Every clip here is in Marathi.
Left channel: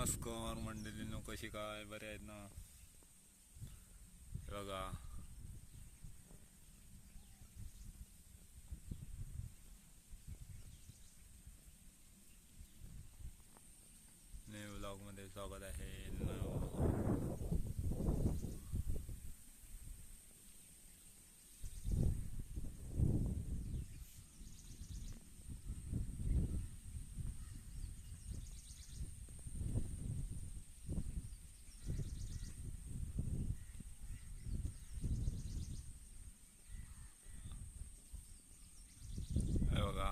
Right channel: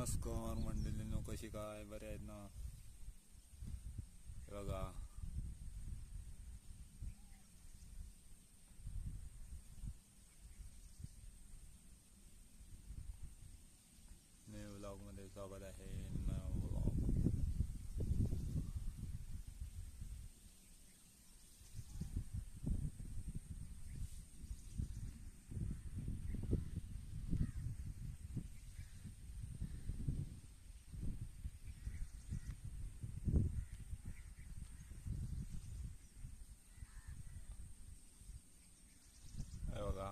नमस्कार मंडळींनो कशी काय? बरे आहेत ना? हे बघा. न्यू व्लॉगमध्ये स्वागत आहे नव- हे बघा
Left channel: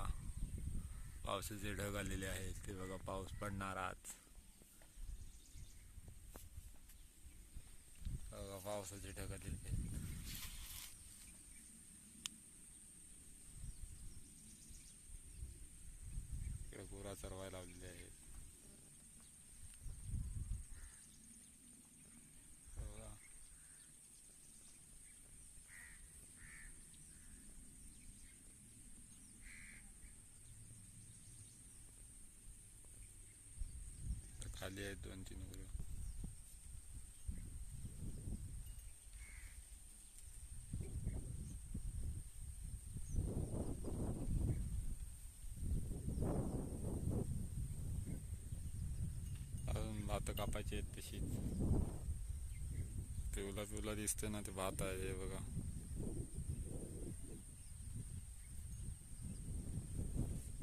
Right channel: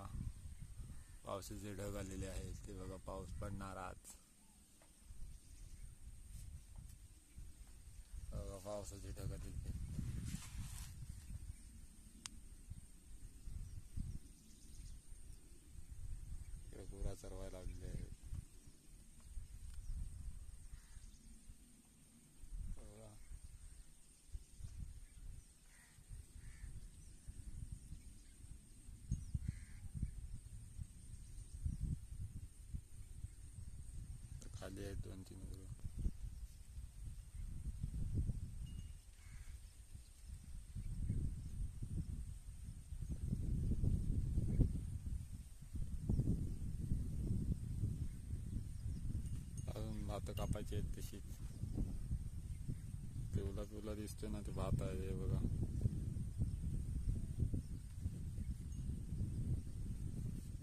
पावसाचे ढग आलेले आहेत ते बघा पाऊस पडणार आज बघा पावसाचे ढग आलेले आहेत. इकडे गुरा चरवायला लावलेले आहेत हे बघा तर खाली आहेत दोन तीन गुरु अजून भात कापायचे आहेत तशीच. पिवला पिवला दिसते ना ते भात आहे बघा.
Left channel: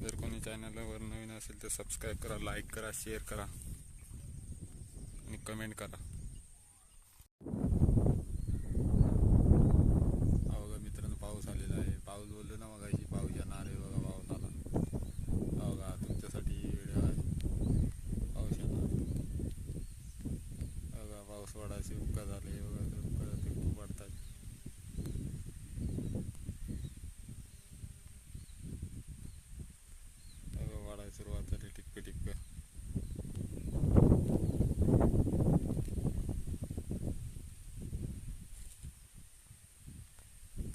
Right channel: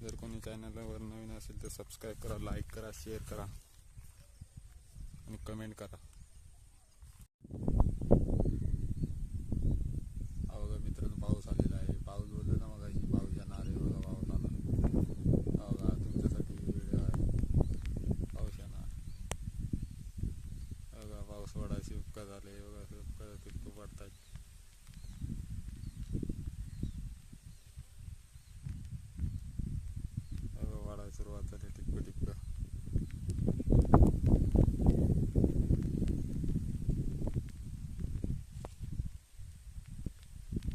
जर कोणी चॅनलवर नवीन असेल तर सबस्क्राईब करा लाईक करा शेअर करा. कमेंट करा. अवघा मित्रांनो पाऊस आलेला आहे. पाऊस बोललो ना मगाशी पाऊस येणार आहे बघा पाऊस आला. अवघा तुमच्यासाठी व्हिडिओ आहे. पाऊस येणार. बघा पाऊस वाढायची उपका झाले. बघा उपका ते खूप वाढतात सुरुवात झाली टिपकं टिपकं.